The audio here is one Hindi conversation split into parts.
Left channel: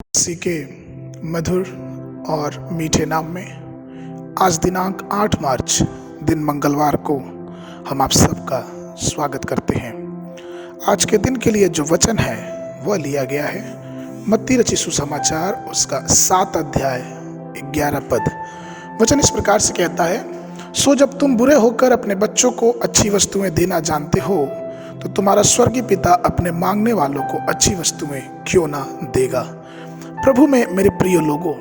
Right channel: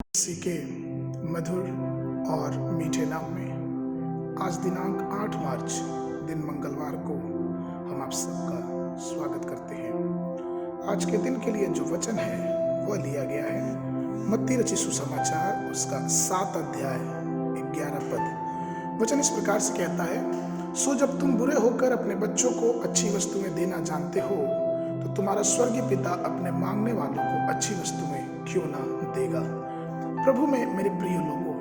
इसी के मधुर और मीठे नाम में आज दिनांक 8 मार्च दिन मंगलवार को हम आप सबका स्वागत करते हैं। आज के दिन के लिए जो वचन है वह लिया गया है मत्ती रचित सुसमाचार उसका 7 अध्याय 11 पद। वचन इस प्रकार से कहता है, सो जब तुम बुरे होकर अपने बच्चों को अच्छी वस्तुएं देना जानते हो तो तुम्हारा स्वर्गीय पिता अपने मांगने वालों को अच्छी वस्तुएं क्यों ना देगा। प्रभु में मेरे प्रिय लोगों,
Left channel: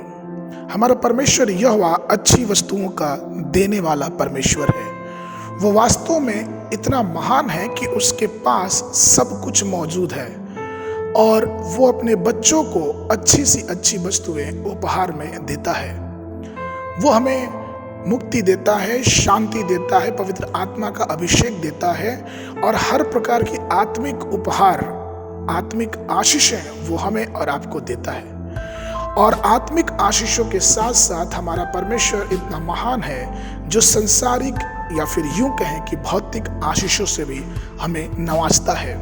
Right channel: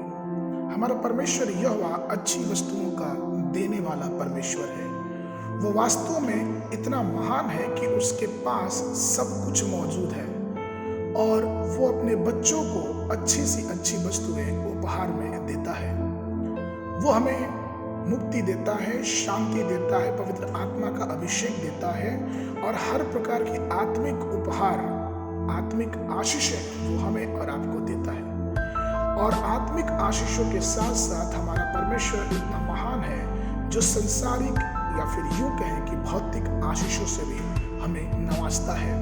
हमारा परमेश्वर यहोवा अच्छी वस्तुओं का देने वाला परमेश्वर है। वो वास्तव में इतना महान है कि उसके पास सब कुछ मौजूद है और वो अपने बच्चों को अच्छी सी अच्छी वस्तुएं उपहार में देता है। वो हमें मुक्ति देता है, शांति देता है, पवित्र आत्मा का अभिषेक देता है और हर प्रकार की आत्मिक उपहार, आत्मिक आशीषें वो हमें और आपको देता है। और आत्मिक आशीषों के साथ साथ हमारा परमेश्वर इतना महान है जो संसारिक या फिर यूं कहें कि भौतिक आशीषों से भी हमें नवाजता है।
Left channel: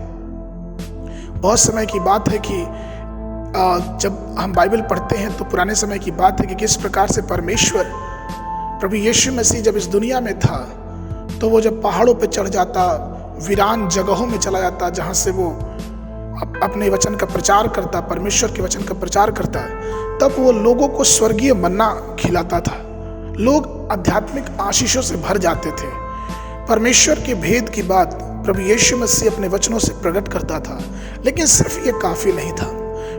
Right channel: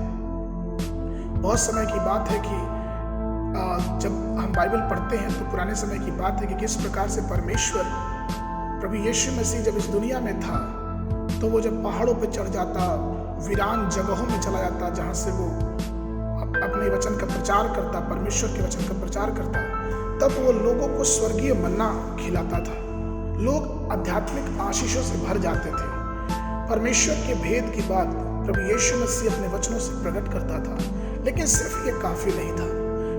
बहुत समय की बात है कि जब हम बाइबल पढ़ते हैं तो पुराने समय की बात है कि किस प्रकार से परमेश्वर प्रभु यीशु मसीह जब इस दुनिया में था तो वो जब पहाड़ों पे चढ़ जाता, वीरान जगहों में चला जाता जहां से वो अपने वचन का प्रचार करता, परमेश्वर के वचन का प्रचार करता, तब वो लोगों को स्वर्गीय मन्ना खिलाता था। लोग आध्यात्मिक आशीषों से भर जाते थे। परमेश्वर के भेद की बात प्रभु यीशु मसीह अपने वचनों से प्रकट करता था, लेकिन सिर्फ ये काफी नहीं था।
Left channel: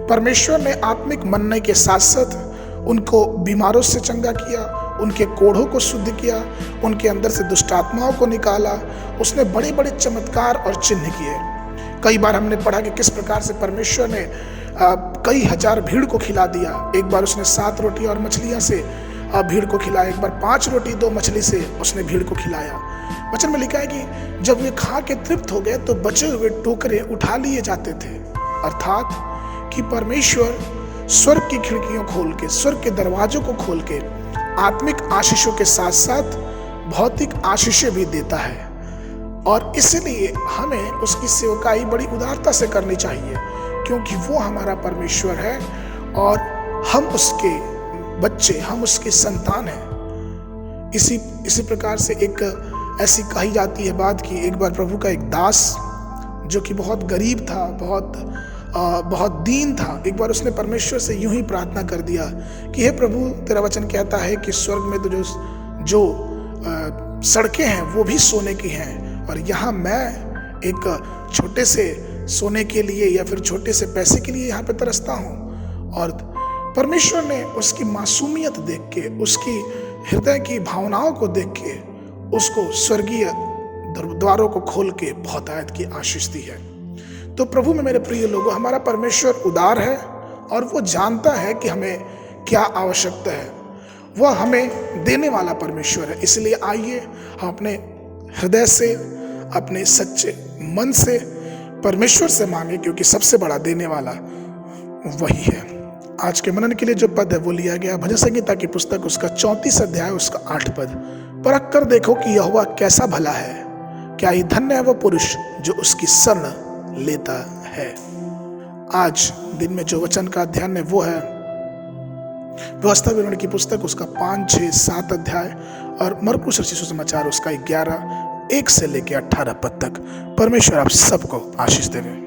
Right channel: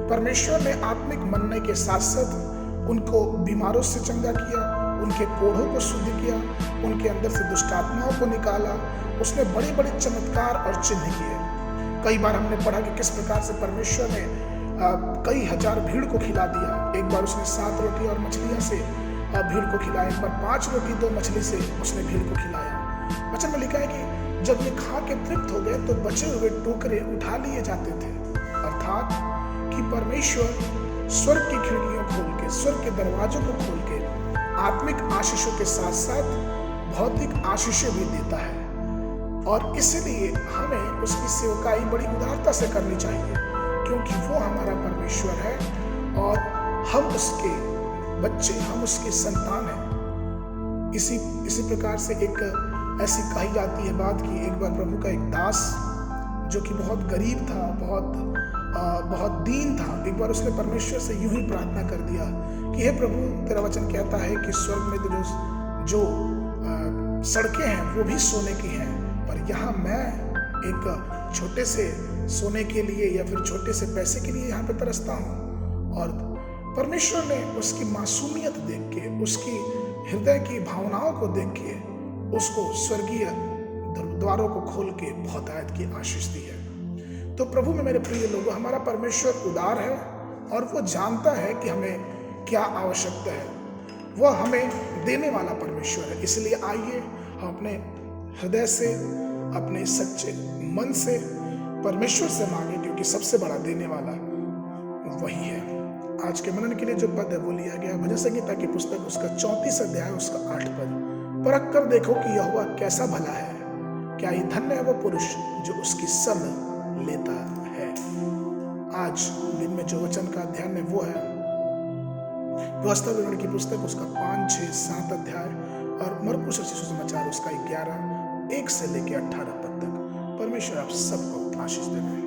परमेश्वर ने आत्मिक मन्ने के साथ साथ उनको बीमारों से चंगा किया, उनके कोढ़ों को शुद्ध किया, उनके अंदर से दुष्ट आत्माओं को निकाला। उसने बड़े बड़े चमत्कार और चिन्ह किए। कई बार हमने पढ़ा कि किस प्रकार से परमेश्वर ने कई हजार भीड़ को खिला दिया। एक बार उसने 7 रोटी और मछलियां से भीड़ को खिलाया, एक बार 5 रोटी 2 मछली से उसने भीड़ को खिलाया। वचन में लिखा है कि जब वे खा के तृप्त हो गए तो बचे हुए टोकरे उठा लिए जाते थे। अर्थात कि परमेश्वर स्वर्ग की खिड़कियों खोल के, स्वर्ग के दरवाजों को खोल के आत्मिक आशीषों के साथ साथ भौतिक आशीषें भी देता है। और इसलिए हमें उसकी सेवकाई बड़ी उदारता से करनी चाहिए, क्योंकि वो हमारा परमेश्वर है और हम उसके बच्चे, हम उसके संतान हैं। इसी प्रकार से एक ऐसी कही जाती है बात कि एक बार प्रभु का एक दास जो कि बहुत गरीब था, बहुत दीन था, एक बार उसने परमेश्वर से यूं ही प्रार्थना कर दिया कि हे प्रभु, तेरा वचन कहता है कि स्वर्ग में तो जो सड़कें हैं वो भी सोने की हैं और यहाँ मैं एक छोटे से सोने के लिए या फिर छोटे से पैसे के लिए यहाँ पे तरसता हूँ। और परमेश्वर ने उसकी मासूमियत देख के, उसकी हृदय की भावनाओं को देख के उसको स्वर्गीय द्वारों को खोल के बहुत आयत की आशीष दी है। तो प्रभु में मेरे प्रिय लोगों, हमारा परमेश्वर उदार है और वो जानता है कि हमें क्या आवश्यकता है। वह हमें देने वाला परमेश्वर है। इसलिए आइए हम अपने हृदय से, अपने सच्चे मन से परमेश्वर से मांगे, क्योंकि सबसे बड़ा देने वाला वही है। आज के मनन के लिए जो पद है वो लिया गया भजन संहिता की पुस्तक उसका 34 अध्याय उसका 8 पद। परख कर देखो कि यहोवा कैसा भला है, क्या ही धन्य है वह पुरुष जो उसकी शरण लेता है। आज दिन में जो वचन का ध्यान है वो है व्यवस्था विवरण की पुस्तक उसका 5, 6, 7 अध्याय और मरकुस रचित सुसमाचार उसका 11, 1 से लेकर 18 पद तक। परमेश्वर आप सबको आशीष देवे।